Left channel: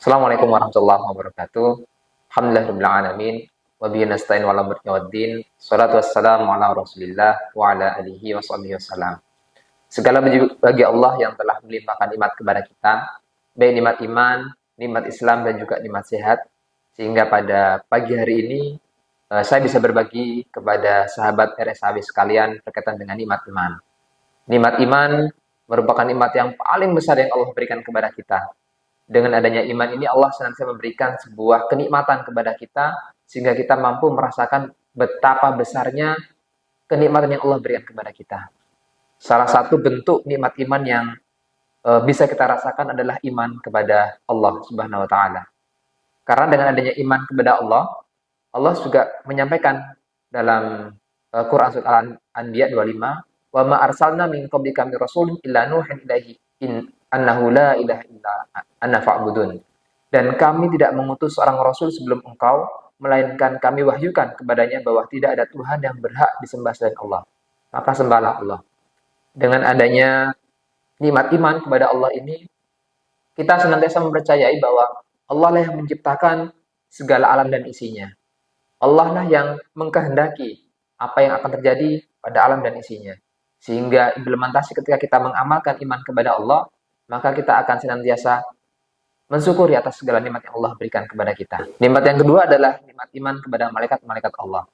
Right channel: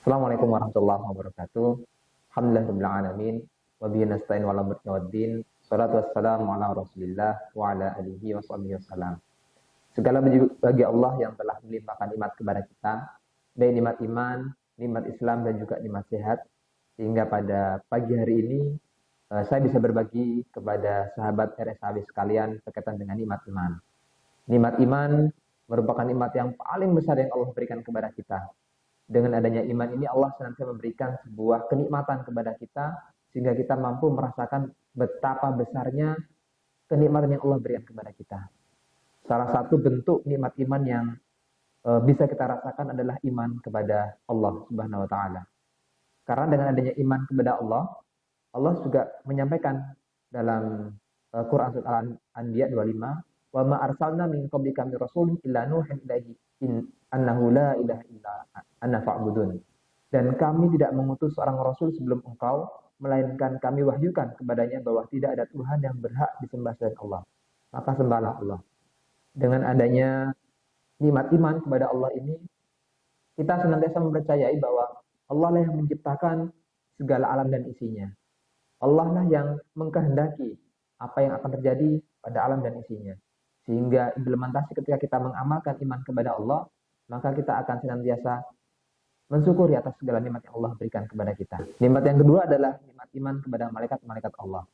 Assalamualaikum warahmatullahi wabarakatuh. Alhamdulillahirabbil alamin wa bihi nasta'in wa ala mulki waddin. Shalatu wassalamu ala Rasulillah wa ala alihi washabihi wasallam. Segala puji bagi Allah yang telah melimpahkan nikmat kepada kita, baik nikmat iman, nikmat Islam dan juga nikmat sehat, sehingga pada pagi hari ini saya bisa berbagi kepada sahabat RSAW sekalian berkaitan dengan nikmat iman. Nikmat iman merupakan nikmat yang paling besar yang Allah berikan kepada kita. Dengan adanya iman ini Allah senantiasa memberikan sebuah kenikmatan kepada kita sehingga kita mampu merasakan betapa besarnya kenikmatan yang Allah berikan kepada kita. Salah satu bentuk nikmat iman yang bisa kita rasakan adalah iman kepada Allah Subhanahu wa taala. Karena dengan adanya iman kepada Allah, Allah juga menyampaikan dalam Quran surat Al-Anbiya 25, "Wa ma arsalna min qablika min rasulin illa nuhin ilaihi annahu la ilaha illa ana fa'budun." Dan kami tidak mengutus seorang rasul sebelum engkau, melainkan kami wahyukan kepadanya bahwa tidak ada Tuhan yang berhak disembah selain Allah. Maka sembahlah Allah. Dengan adanya nikmat iman kepada Allah ini, kita senantiasa mempercayai bahwa Allah lah yang menciptakan segala alam dan isinya. Allah lah yang mengkehendaki apa yang akan terjadi pada alam dan isinya. Sehingga implementasi ketika kita mengamalkan iman kepada Allah, maka kita akan senantiasa mensyukuri atas segala nikmat yang Allah berikan kepada kita. Nikmat yang kedua adalah nikmat iman kepada malaikat-malaikat Allah.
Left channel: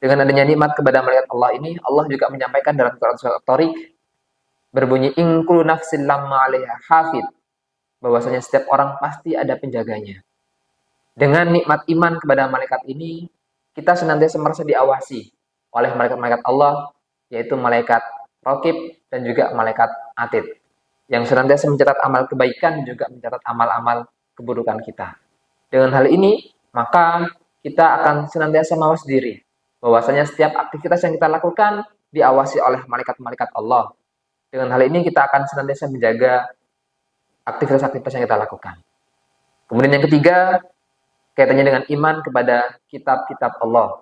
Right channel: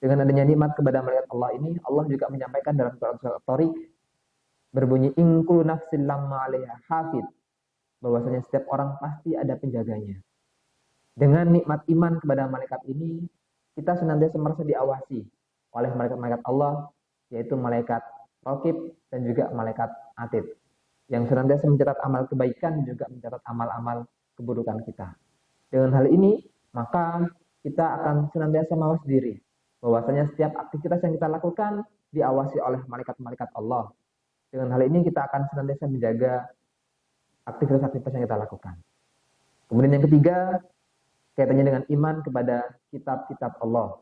Dengan adanya nikmat kepada malaikat Allah ini, Allah juga menyampaikan dalam Quran surat At-Tariq berbunyi in kullu nafsin lamma 'alaiha hafid, bahwasanya setiap orang pasti ada penjaganya. Dengan nikmat iman kepada malaikat ini, kita senantiasa merasa diawasi oleh malaikat-malaikat Allah, yaitu malaikat Raqib dan juga malaikat Atid, yang senantiasa mencatat amal kebaikan dan juga mencatat amal-amal keburukan kita. Dengan hal ini, maka kita akan senantiasa mawas diri, bahwasanya setiap aktivitas yang kita lakukan diawasi oleh malaikat-malaikat Allah. Dengan hal ini kita akan senantiasa menjaga aktivitas-aktivitas yang kita lakukan. Kemudian yang ketiga, kaitannya dengan iman kepada kitab-kitab Allah.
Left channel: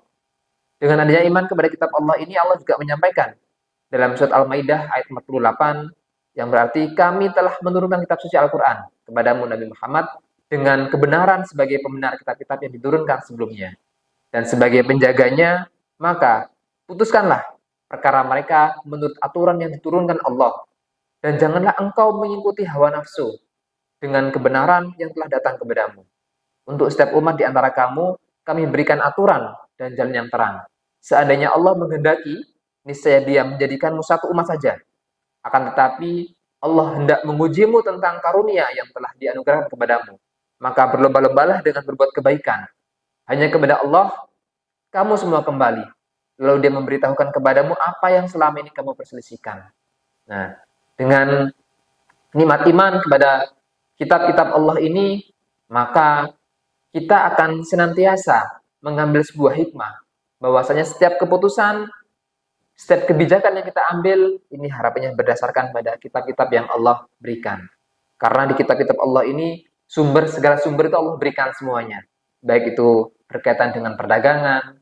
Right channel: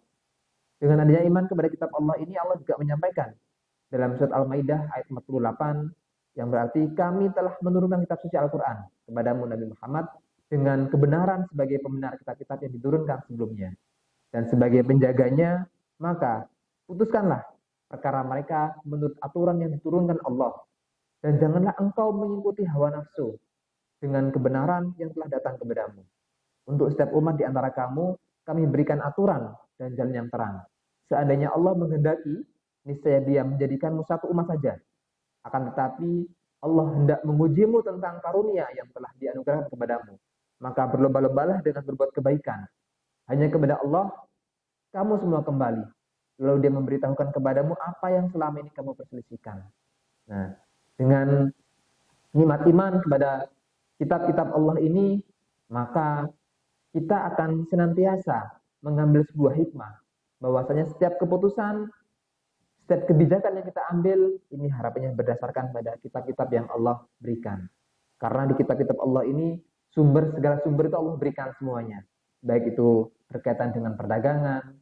Dengan adanya iman kepada kitab Allah ini, Allah juga menyampaikan dalam surat Al-Maidah ayat 48, yang berarti kami telah menurunkan kitab suci Al-Quran kepadamu Nabi Muhammad dengan kebenaran sebagai pembenar kitab-kitab yang diturunkan sebelumnya. Dan sebagai penjaganya, maka putuskanlah perkara mereka menurut aturan yang diturunkan Allah. Dan janganlah engkau mengikuti hawa nafsu dengan kebenaran yang telah datang kepadamu. Untuk setiap umat di antara kamu, kami berikan aturan dan jalan yang terang. Seandainya Allah menghendaki, niscaya Dia menjadikanmu satu umat saja. Akan tetapi Allah hendak mengujimu tentang karunia yang telah dianugerahkan kepadamu. Maka berlomba-lombalah dengan berbuat kebaikan. Hanya kepada Allah kamu semua kembali. Lalu Dia memberitahukan kepadamu apa yang selama ini kamu perselisihkan. Nah, dengan nikmat iman kepada kitab-kitab Allah ini, maka kita akan senantiasa mengambil sebuah hikmah, bahwasanya setiap keputusan, setiap kebijakan yang kita ambil, ini harapannya berdasarkan pada kitab-kitab yang Allah berikan. Karena di kitab-kitab Allah ini, segala sumber itu Allah berikan semuanya. Baik itu berkaitan dengan perdagangan,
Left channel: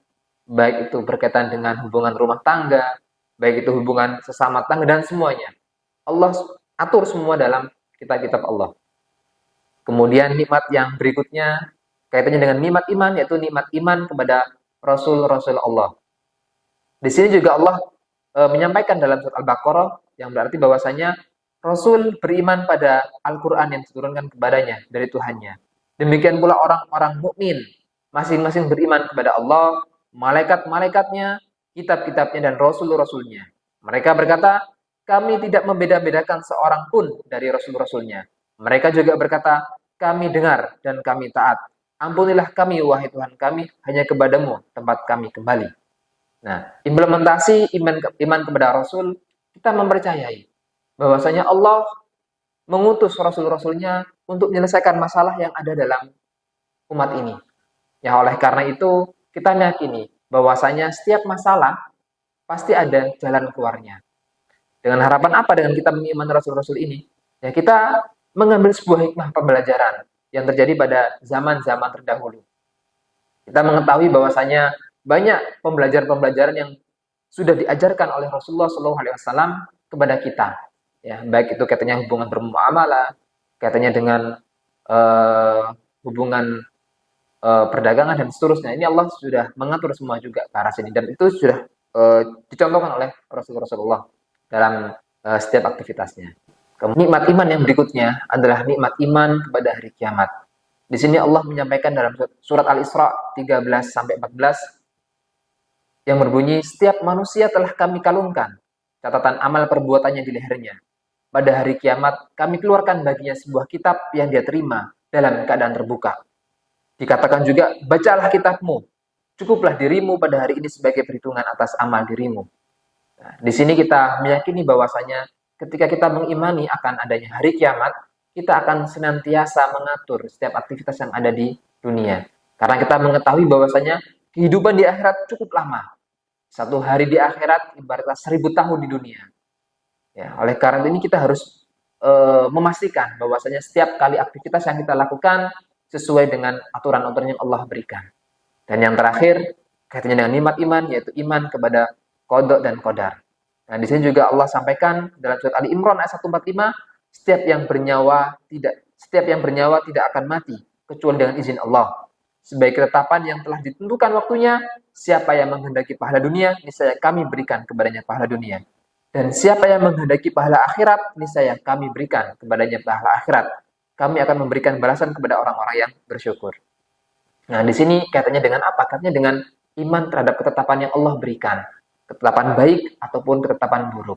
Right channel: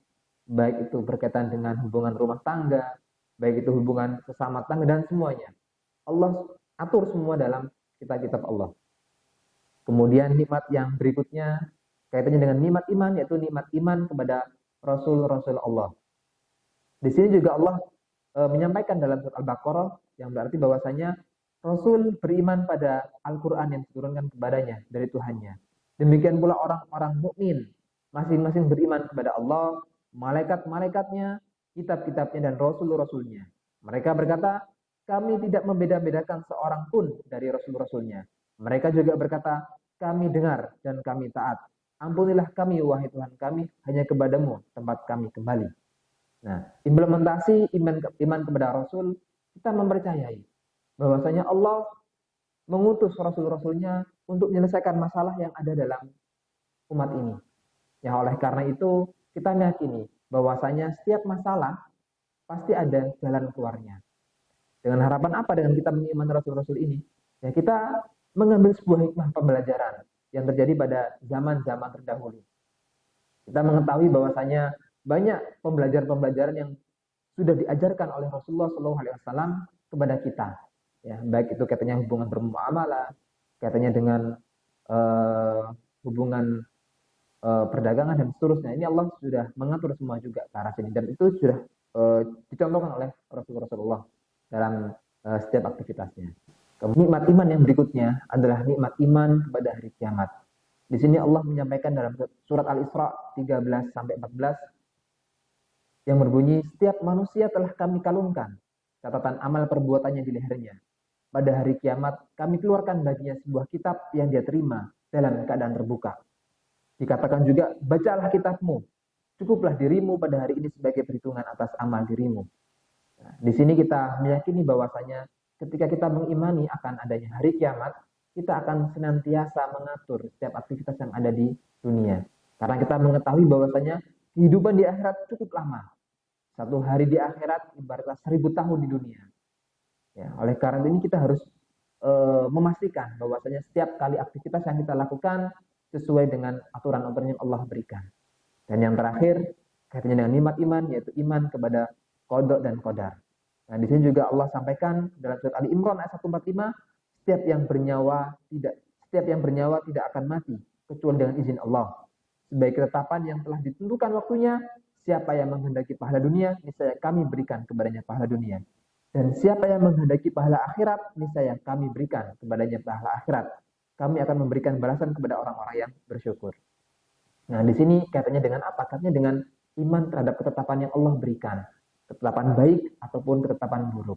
baik itu berkaitan dengan hubungan rumah tangga, baik itu hubungan sesama tangga, dan semuanya. Allah atur semua dalam kitab-kitab Allah. Kemudian nikmat yang berikutnya, kaitannya dengan nikmat iman, yaitu nikmat iman kepada Rasul-Rasul Allah. Di sini juga Allah menyampaikan dalam surat Al-Baqarah, yang berarti bahwasanya Rasul beriman pada Al-Quran yang diturunkan kepadanya dari Tuhannya. Demikian pula orang-orang mukmin, masing-masing beriman kepada Allah, malaikat-malaikatnya, kitab-kitabnya, dan Rasul-Rasulnya. Mereka berkata, kami tidak membeda-bedakan seorang pun dari Rasul-Rasulnya. Mereka juga berkata, kami dengar dan kami taat. Ampunilah kami, wahai Tuhan kami, hanya kepadamu tempat kami kembali. Nah, implementasi iman kepada Rasul, kita mempercayai bahwasanya Allah mengutus Rasul-Rasulnya untuk menyelesaikan masalah yang ada dalam umat ini. Ya, oleh karena itu, kita meyakini bahwasanya setiap masalah pasti ada jalan keluarnya. Dengan harapan apa dengan kita mengimani Rasul-Rasul ini? Ya, kita mengambil sebuah hikmah pembelajaran yang terjadi pada zaman-zaman terdahulu. Kita mengetahui bahwasanya banyak pembelajaran-pembelajaran yang sudah diajarkan oleh Rasulullah SAW kepada kita. Ya, baik itu kaitannya hubungan bermuamalah, kaitannya dengan hubungan perdagangan dan seterusnya. Ini Allah sudah mengatur semua juga ke arah sini dan itu sudah dicontohkan oleh Rasulullah dalam setiap aktivitasnya. Kemudian nikmat iman yang berikutnya adalah nikmat iman kepada hari kiamat. Di sini Allah menyampaikan dalam surat Al-Isra 13 sampai 14 yang berbunyi, setiap manusia telah kami kalungkan catatan amal perbuatannya di lehernya. Pada hari kiamat, kami keluarkan baginya sebuah kitab yang dia terima dalam keadaan terbuka. Dikatakan juga, bacalah kitabmu. Cukuplah dirimu pada hari ini sebagai perhitungan atas amal dirimu. Nah, di sini kita meyakini bahwasanya ketika kita mengimani akan adanya hari kiamat, kita akan senantiasa mengatur setiap aktivitas yang ada di dunia. Karena kita mengetahui bahwasanya kehidupan di akhirat cukup lama. Satu hari di akhirat ibaratnya 1000 tahun di dunia. Ya, oleh karena ini kita harus memastikan bahwasanya setiap kali aktivitas yang kita lakukan sesuai dengan aturan-aturan yang Allah berikan. Dan yang terakhir, kaitannya dengan nikmat iman, yaitu iman kepada qada dan qadar. Nah, di sini juga Allah sampaikan dalam surat Ali Imran ayat 145, setiap yang bernyawa tidak akan mati kecuali dengan izin Allah. Sebagai ketetapan yang telah ditentukan waktunya, siapa yang menghendaki pahala dunia, niscaya kami berikan kepadanya pahala dunia. Dan siapa yang menghendaki pahala akhirat, niscaya kami berikan kepadanya pahala akhirat. Kami akan memberikan balasan kepada orang-orang yang bersyukur. Nah, di sini kaitannya dengan apa? Kaitannya dengan iman terhadap ketetapan yang Allah berikan. Ketetapan baik ataupun ketetapan buruk.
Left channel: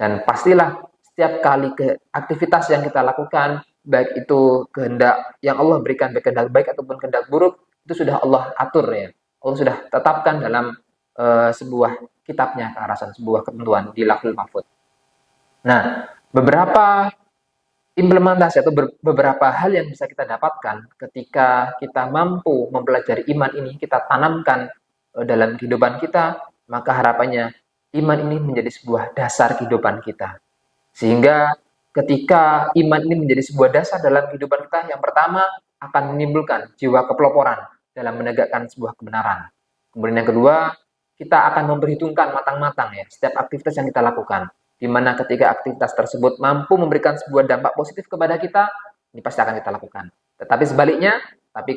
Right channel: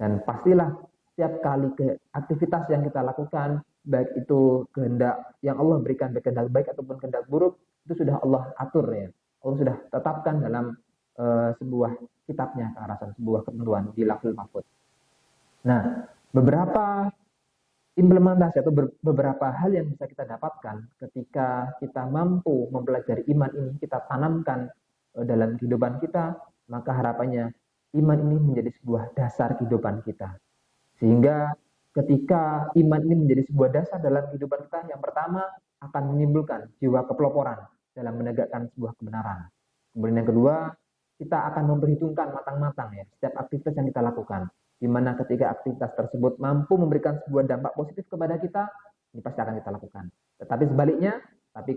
Dan pastilah setiap kali aktivitas yang kita lakukan, baik itu kehendak yang Allah berikan, baik kehendak baik ataupun kehendak buruk, itu sudah Allah atur ya. Allah sudah tetapkan dalam sebuah kitabnya ke arah sana, sebuah ketentuan di Lauhul Mahfuz. Nah, beberapa implementasi atau beberapa hal yang bisa kita dapatkan ketika kita mampu mempelajari iman ini, kita tanamkan dalam kehidupan kita, maka harapannya iman ini menjadi sebuah dasar kehidupan kita. Sehingga ketika iman ini menjadi sebuah dasar dalam kehidupan kita, yang pertama akan menimbulkan jiwa kepeloporan dalam menegakkan sebuah kebenaran. Kemudian yang kedua, kita akan memperhitungkan matang-matang ya setiap aktivitas yang kita lakukan. Di mana ketika aktivitas tersebut mampu memberikan sebuah dampak positif kepada kita, ini pasti akan kita lakukan. Tetapi sebaliknya,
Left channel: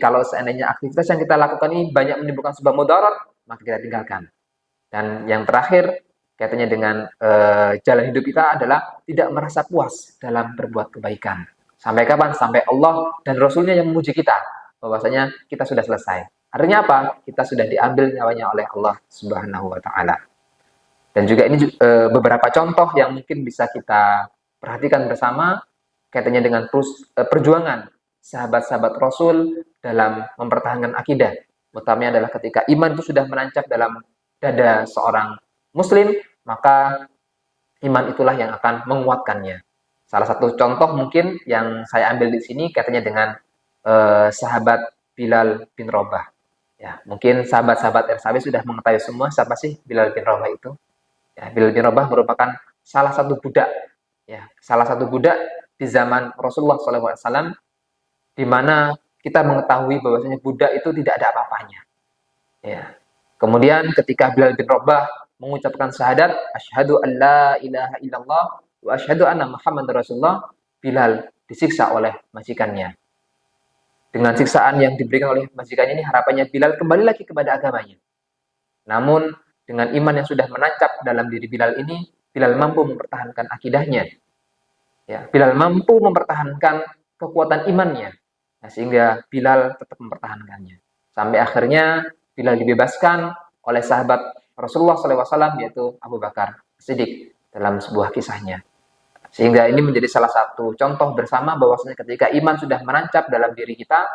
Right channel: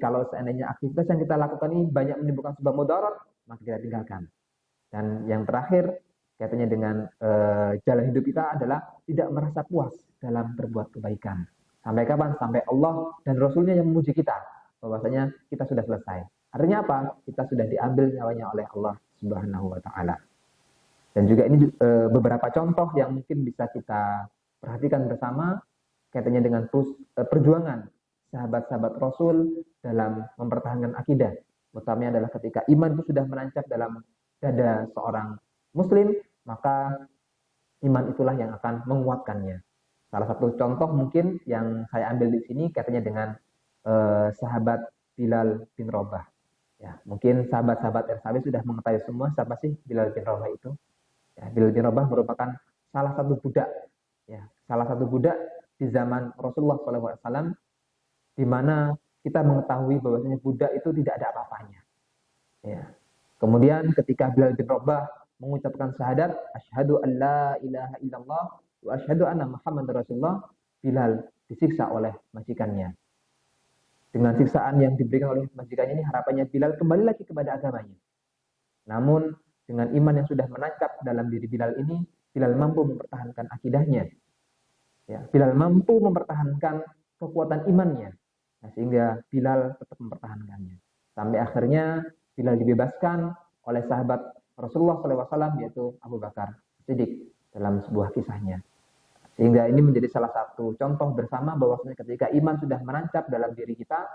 kalau seandainya aktivitas yang kita lakukan ini banyak menimbulkan sebuah mudarat, maka kita tinggalkan. Dan yang terakhir, kaitannya dengan jalan hidup kita adalah tidak merasa puas dalam berbuat kebaikan. Sampai kapan? Sampai Allah dan Rasulnya yang memuji kita, bahwasanya kita sudah selesai. Artinya apa? Kita sudah diambil nyawanya oleh Allah Subhanahu wa Ta'ala. Dan juga ini beberapa contoh yang mungkin bisa kita perhatikan bersama kaitannya dengan perjuangan sahabat-sahabat Rasul dalam mempertahankan akidah. Utamanya adalah ketika iman itu sudah menancap dalam dada seorang Muslim, maka iman itulah yang akan menguatkannya. Salah satu contoh mungkin yang saya ambil di sini kaitannya dengan sahabat Bilal bin Rabah. Ya, mungkin sahabat-sahabat RSAW sudah mengetahui semua siapa sih Bilal bin Rabah itu. Ya, Bilal bin Rabah merupakan salah satu budak di zaman Rasulullah SAW, di mana kita mengetahui bahwasanya budak itu tidak ada apa-apanya. Ya. Kemudian ketika Bilal bin Rabah mengucapkan syahadat, asyhadu an la ilaha illallah wa asyhadu anna Muhammadar Rasulullah, Bilal disiksa oleh majikannya. Dengan siksaan yang diberikan oleh majikannya ini, harapannya Bilal kembali lagi kepada agamanya. Namun dengan iman yang sudah menancap dalam diri Bilal ini, Bilal mampu mempertahankan akidahnya. Ya, Bilal mampu mempertahankan kekuatan imannya. Nah, sehingga Bilal tetap mempertahankannya. Sampai akhirnya Bilal dibebaskan oleh sahabat Rasulullah SAW, yaitu Abu Bakar Siddiq dalam sebuah kisahnya. Sehingga ini menjadi salah satu contoh bersama bahwasanya ketika iman sudah menancap dalam diri kita,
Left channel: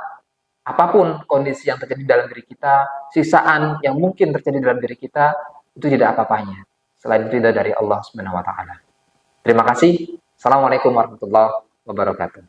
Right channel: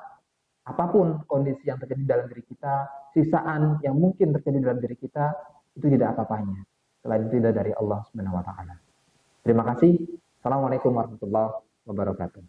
apapun kondisi yang terjadi dalam diri kita, sisaan yang mungkin terjadi dalam diri kita, itu tidak apa-apanya selain ridha dari Allah Subhanahu wa Ta'ala. Terima kasih. Assalamualaikum warahmatullahi wabarakatuh.